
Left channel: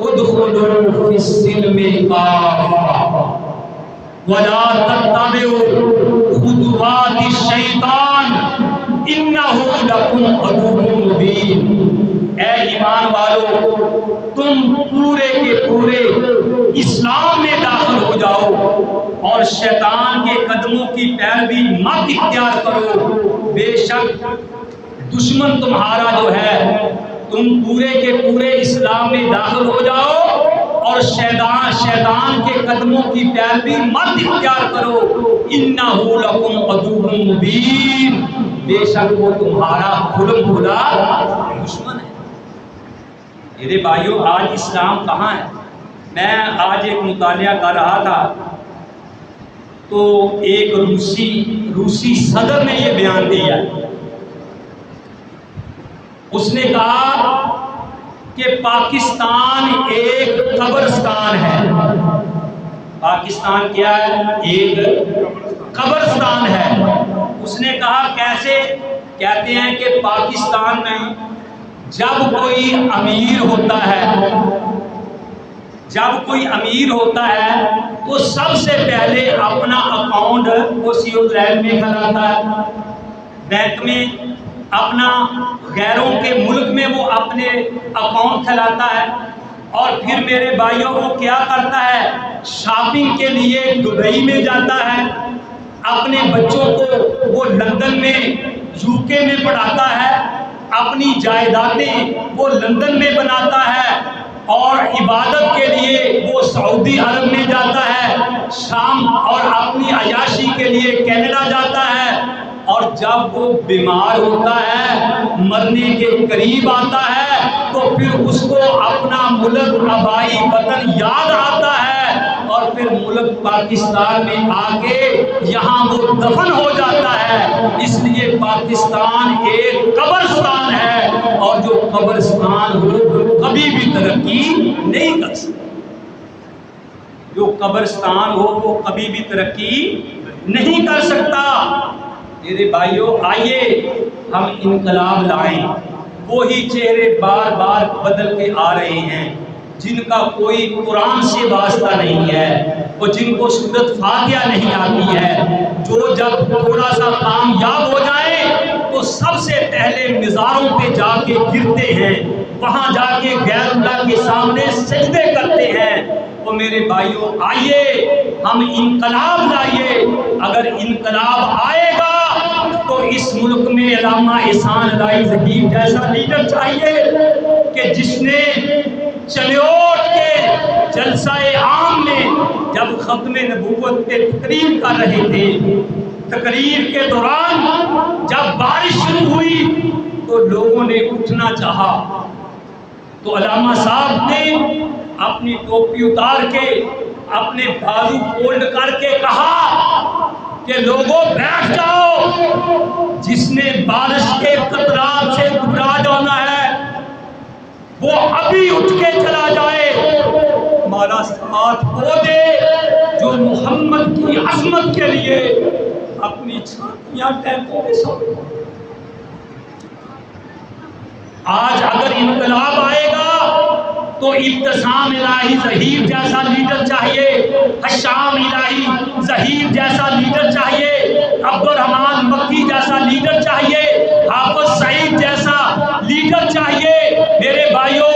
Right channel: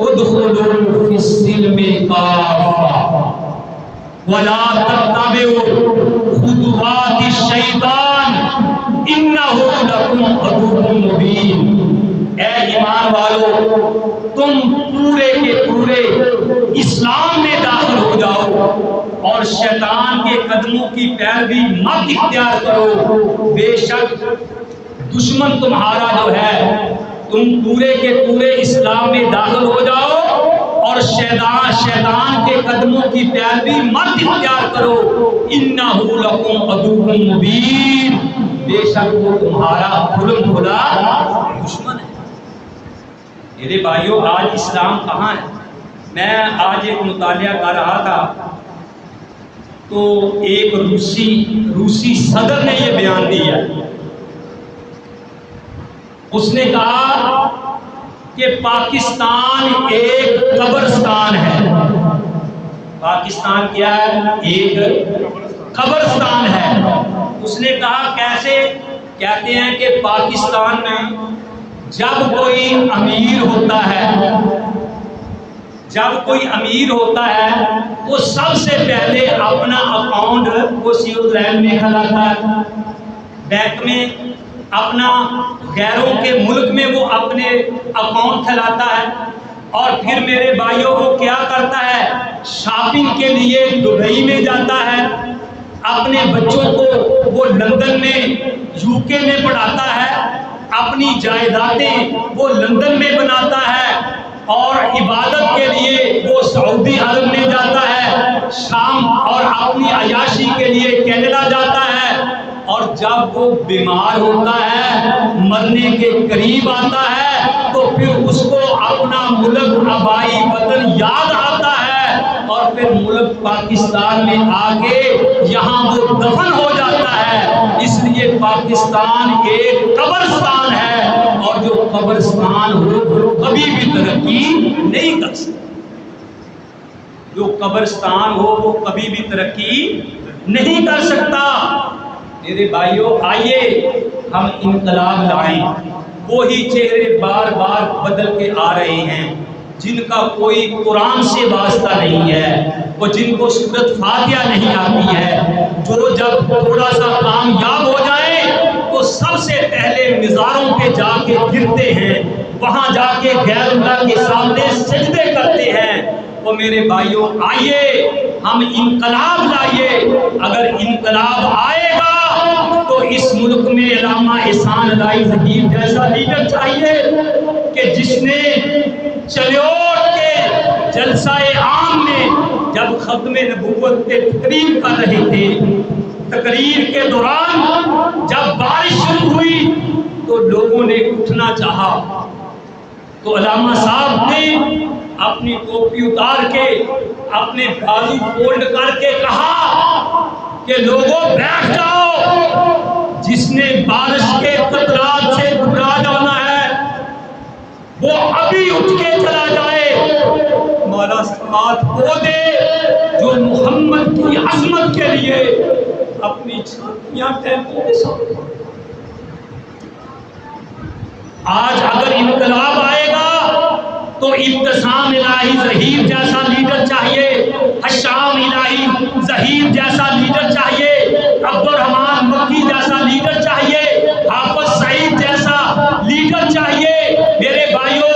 ادخلوا فی السلم کافۃ ولا تتبعوا خطوات الشیطان انہ لکم عدو مبین۔ اے ایمان والو، تم پورے کے پورے اسلام میں داخل ہو جاؤ اور شیطان کے قدموں کی پیروی مت اختیار کرو، بے شک دشمن تمہارا جو ہے، تم پورے کے پورے اسلام میں داخل ہو جاؤ اور شیطان کے قدموں کی پیروی مت اختیار کرو، انہ لکم عدو مبین، بے شک وہ تمہارا کھلم کھلا دشمن ہے۔ میرے بھائیو، آج اسلام کہاں ہے؟ میں آج ایک مطالعہ کر رہا تھا تو ایک روسی صدر نے یہ بیان دیا، اس نے کہا کہ پاکستان ایک قبرستان ہے۔ پاکستان کیا ہے؟ ایک قبرستان ہے۔ اس نے کہا کیسے؟ کہتے ہیں کہ پاکستان میں جب کوئی امیر ہوتا ہے وہ سب سے پہلے اپنا اکاؤنٹ وہ سیوز لینڈ میں کھلاتا ہے، بینک میں، اپنا غیروں کے ملک میں وہ اپنے اکاؤنٹ کھلاتا ہے، اور پھر میرے بھائیوں وہ کیا کرتا ہے؟ شاپنگ کے لیے دبئی میں جاتا ہے، اپنے بچوں کو وہ لندن میں UK میں پڑھاتا ہے، اپنی جائیدادیں وہ لندن میں بناتا ہے، اور عبادت کے لیے وہ سعودی عرب میں جاتا ہے، شام، اور اپنی عیاشی کے لیے کینیڈا جاتا ہے، اور جب وہ بیمار ہوتا ہے، مرنے کے قریب آتا ہے، تو پھر اس کو اپنا ملک آبائی وطن یاد آتا ہے، اور پھر ملک پاکستان میں آ کے یہاں وہ دفن ہو جاتا ہے۔ اس لیے پاکستان ایک قبرستان ہے، اور جو قبرستان ہو وہ کبھی بھی ترقی نہیں کر سکتا۔ جو قبرستان ہو وہ کبھی بھی ترقی نہیں کر سکتا۔ میرے بھائیوں، آئیے ہم انقلاب لائیں۔ وہی چہرے بار بار بدل کے آ رہے ہیں جن کا کوئی قرآن سے واسطہ نہیں ہے، اور جن کو سورۃ فاتحہ نہیں آتی ہے، جو جب تھوڑا سا کامیاب ہو جائیں تو سب سے پہلے مزاروں پہ جا کے گرتے ہیں، وہاں جا کے غیر اللہ کے سامنے سجدے کرتے ہیں۔ تو میرے بھائیوں، آئیے ہم انقلاب لائیے۔ اگر انقلاب آئے گا تو اس ملک میں علامہ احسان الہی ظہیر جیسا لیڈر چاہیے کہ جس نے چلیوٹ کے جلسہ عام میں جب ختم نبوت پہ تقریر کر رہے تھے، تقریر کے دوران جب بارش شروع ہوئی تو لوگوں نے اٹھنا چاہا، تو علامہ صاحب نے اپنی ٹوپی اتار کے اپنے بازو فولڈ کر کے کہا کہ لوگوں بیٹھ جاؤ، جس نے بارش کے قطرات سے گھبرا جانا ہے وہ ابھی اٹھ کے چلا جائے، ہمارا ساتھ وہ دے جو محمد کی عظمت کے لیے اپنی چھاتیاں ٹینکوں میں سو۔ آج اگر انقلاب آئے گا تو ابتسام الہی ظہیر جیسا لیڈر چاہیے، حشام الہی ظہیر جیسا لیڈر چاہیے، عبد الرحمان مکی جیسا لیڈر چاہیے، حافظ سعید جیسا لیڈر چاہیے، میرے بھائیوں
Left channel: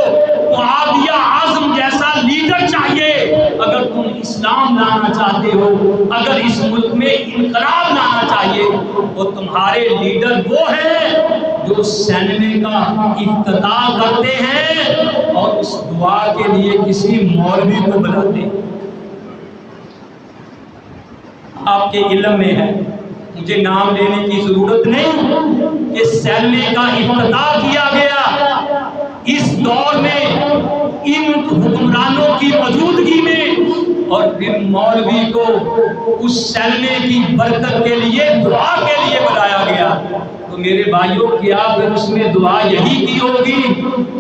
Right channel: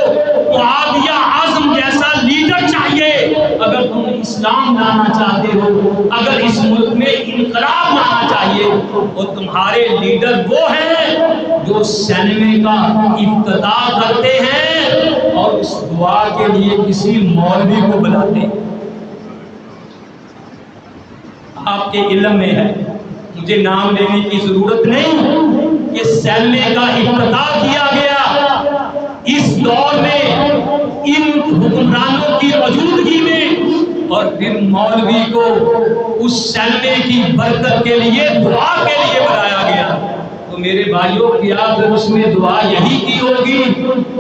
معاویہ اعظم جیسا لیڈر چاہیے۔ اگر تم اسلام لانا چاہتے ہو، اگر اس ملک میں انقلاب لانا چاہیے، تو تمہارے لیڈر وہ ہیں جو سینمے کا افتتاح کرتے ہیں اور اس دعا کے لیے کسی مولوی کو بلاتے ہیں۔ آپ کے علم میں ہے، مجھے نام لینے کی ضرورت نہیں، کہ سلمے کا افتتاح کیا گیا۔ اس دور میں ان حکمرانوں کی موجودگی میں، اور پھر مولوی کو اس سلمے کی برکت کے لیے دعا کے لیے بلایا گیا۔ تو میرے بھائیوں کیا پھر اس میں دعا یہی کی ہوگی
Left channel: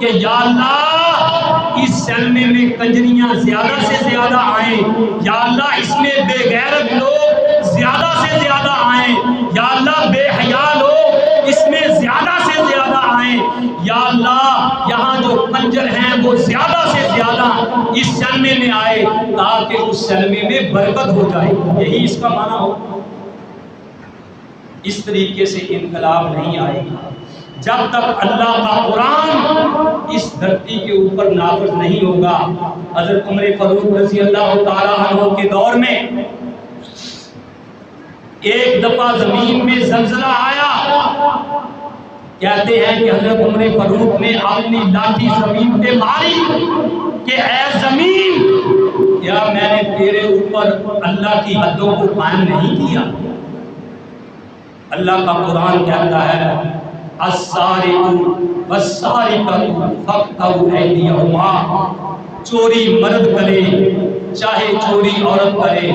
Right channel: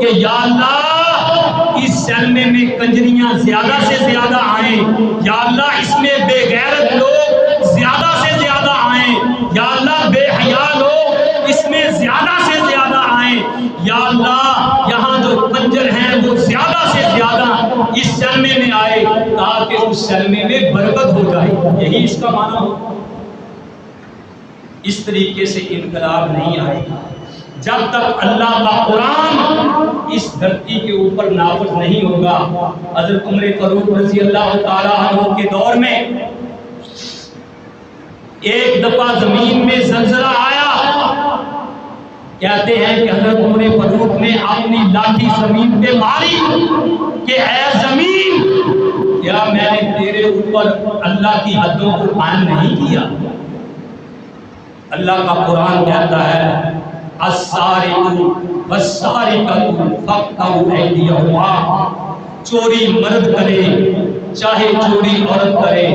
کہ یا اللہ اس سلمے میں کنجریاں زیادہ سے زیادہ آئیں، یا اللہ اس میں بے غیرت لوگ زیادہ سے زیادہ آئیں، یا اللہ بے حیا لوگ اس میں زیادہ سے زیادہ آئیں، یا اللہ یہاں جو کنجر ہیں وہ زیادہ سے زیادہ اس سلمے میں آئے تاکہ اس سلمے میں برکت ہو جائے۔ یہی اس کا معنی ہو۔ اس طریقے سے انقلاب نہیں آئے گا جب تک اللہ کا قرآن اس دھرتی کے اوپر نافذ نہیں ہوگا۔ حضرت عمر فاروق رضی اللہ تعالیٰ عنہ کے دور میں ایک دفعہ زمین میں زلزلہ آیا۔ کہتے ہیں کہ حضرت عمر فاروق نے اپنی لاٹھی زمین پہ ماری کہ اے زمین، کیا میں نے تیرے اوپر اللہ کی حدوں کو قائم نہیں کیا؟ اللہ کا قرآن کہتا ہے السارق والسارقۃ فاقطعوا ایدیہما، چوری مرد کرے چاہے چوری عورت کرے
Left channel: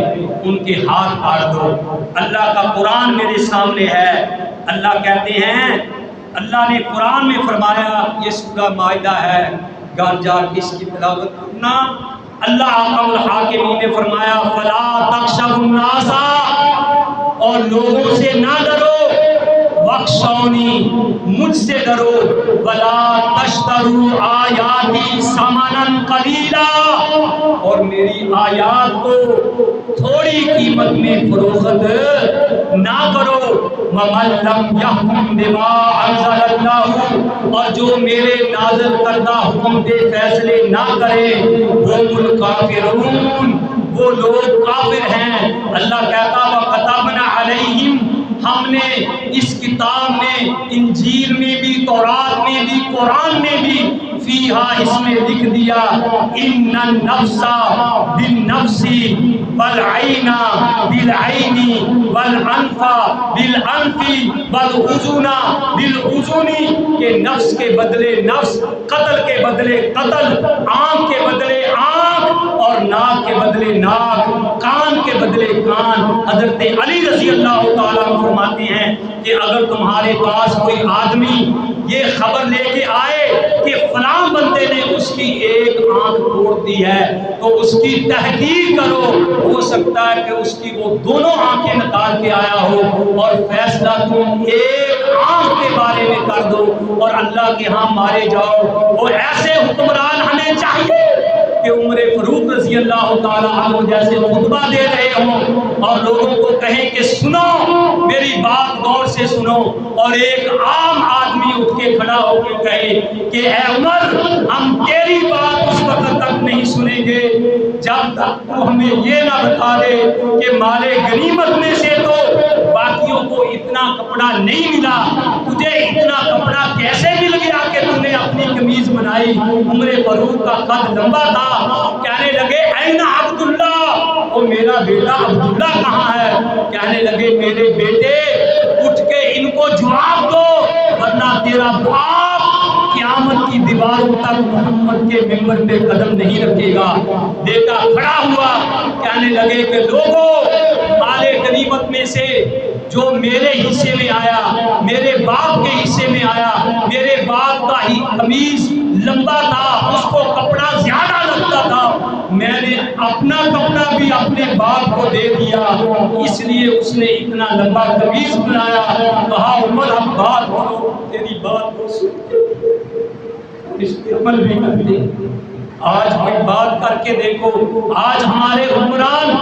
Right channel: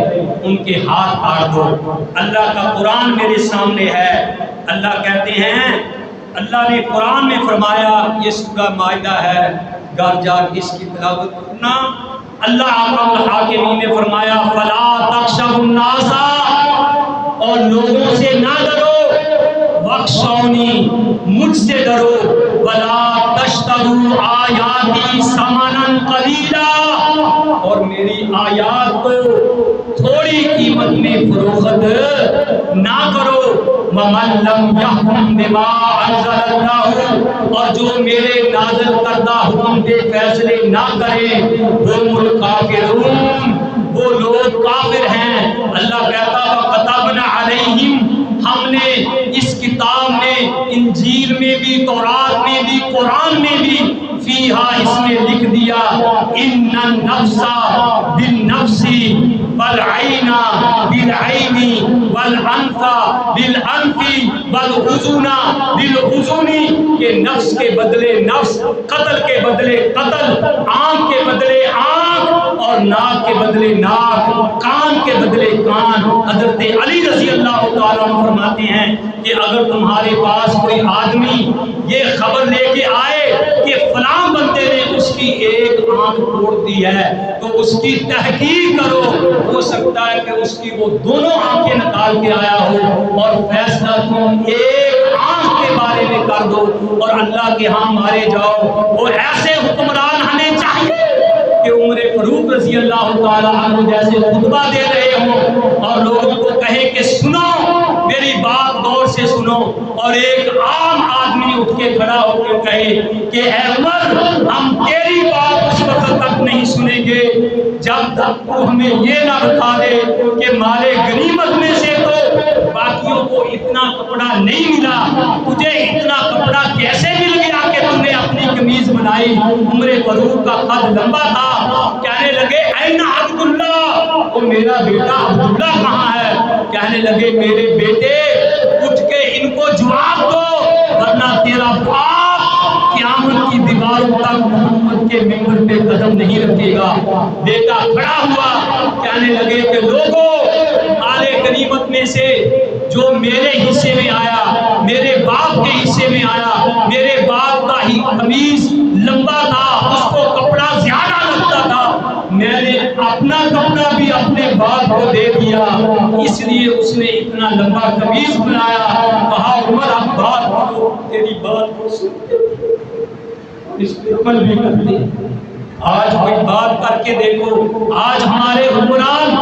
ان کے ہاتھ کاٹ دو۔ اللہ کا قرآن میرے سامنے ہے۔ اللہ کہتے ہیں، اللہ نے قرآن میں فرمایا، یہ سورہ مائدہ ہے، گھر جا کے اس کی تلاوت کرنا۔ اللہ احکم الحاکمین نے فرمایا فلا تخشوا الناس، اور لوگوں سے نہ ڈرو، واخشونی، مجھ سے ڈرو، ولا تشتروا آیاتی ثمنا قلیلا، اور میری آیات کو تھوڑی قیمت میں فروخت نہ کرو۔ ومن لم یحکم بما انزل اللہ، اور جو میرے نازل کردہ حکم کے فیصلے نہ کرے، هم الکافرون، وہ لوگ کافر ہیں۔ اللہ کہتا وَكَتَبْنَا عَلَيْهِمْ، ہم نے اس کتاب میں، انجیل میں بھی، تورات میں بھی، قرآن میں بھی، فیہا اس میں لکھ دیا ان النفس بالنفس والعین بالعین والانف بالانف والاذن بالاذن، کہ نفس کے بدلے نفس، قتل کے بدلے قتل، آنکھ کے بدلے آنکھ، اور ناک کے بدلے ناک، کان کے بدلے کان۔ حضرت علی رضی اللہ تعالیٰ عنہ فرماتے ہیں کہ اگر تمہارے پاس کوئی آدمی یہ خبر لے کے آئے کہ فلاں بندے نے اس کی ایک آنکھ توڑ دی ہے تو اس کی تحقیق کرو، ہو سکتا ہے کہ اس کی وہ دونوں آنکھیں نکال کے آیا ہو، اور فیصلہ تم ایک آنکھ کے بارے میں کر دو اور اللہ کے ہاں مارے جاؤ۔ وہ ایسے حکمران ہمیں چاہیے کہ عمر فاروق رضی اللہ تعالیٰ عنہ جیسے خطبہ دے رہے ہوں اور لوگوں کو کہیں کہ سنو میری بات غور سے سنو، اور ایک عام آدمی اٹھ کے کھڑا ہو کے کہے کہ اے عمر، ہم تیری بات اس وقت تک نہیں سنیں گے جب تک تو ہمیں یہ نہ بتا دے کہ مال غنیمت میں سے تو باقیوں کو اتنا کپڑا نہیں ملا، تجھے اتنا کپڑا کیسے مل گیا کہ تم نے اپنی قمیض بنائی؟ عمر فاروق کا قد لمبا تھا، کہنے لگے این عبداللہ، وہ میرا بیٹا عبداللہ کہاں ہے؟ کہنے لگے میرے بیٹے اٹھ کے ان کو جواب دو ورنہ تیرا باپ قیامت کی دیواروں تک محمد کے ممبر پہ قدم نہیں رکھے گا۔ بیٹا کھڑا ہوا، کہنے لگے کہ لوگوں، مال غنیمت میں سے جو میرے حصے میں آیا، میرے باپ کے حصے میں آیا، میرے باپ کا ہی قمیض لمبا تھا، اس کو کپڑا زیادہ لگتا تھا، میں نے اپنا کپڑا بھی اپنے باپ کو دے دیا، اس لیے اس نے اتنا لمبا قمیض بنایا۔ کہا عمر اب بات کرو، تیری بات کو سنتے اور اس پہ عمل بھی کرتے۔ آج کوئی بات کر کے دیکھو، آج ہمارے حکمران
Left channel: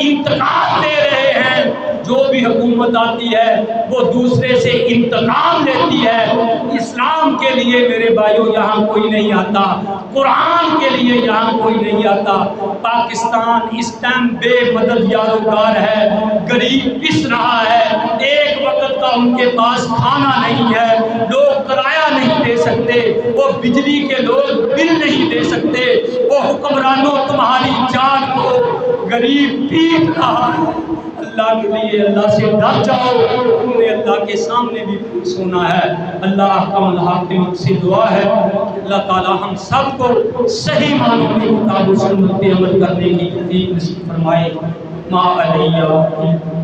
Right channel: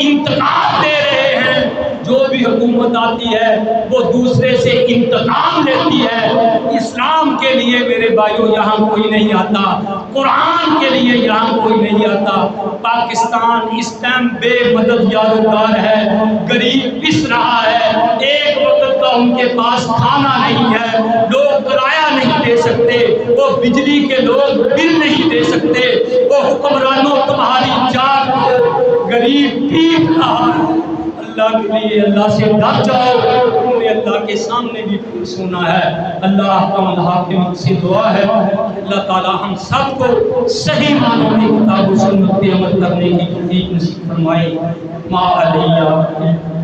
انتقام دے رہے ہیں، جو بھی حکومت آتی ہے وہ دوسرے سے انتقام لیتی ہے۔ اسلام کے لیے میرے بھائیوں یہاں کوئی نہیں آتا، قرآن کے لیے یہاں کوئی نہیں آتا۔ پاکستان اس ٹائم بے مدد یاروگار ہے، غریب پس رہا ہے، ایک وقت کا ان کے پاس کھانا نہیں ہے، لوگ کرایہ نہیں دے سکتے، وہ بجلی کے لوگ بل نہیں دے سکتے، وہ حکمرانوں تمہاری جان کو غریب پیٹ رہا ہے۔ اللہ کے لیے اللہ سے ڈر جاؤ، تم نے اللہ کے سامنے بھی سنا ہے۔ اللہ احکم الحاکم سے دعا ہے اللہ تعالی ہم سب کو صحیح معنوں میں کتاب و سنت پہ عمل کرنے کی توفیق نصیب فرمائے۔ ما علیہ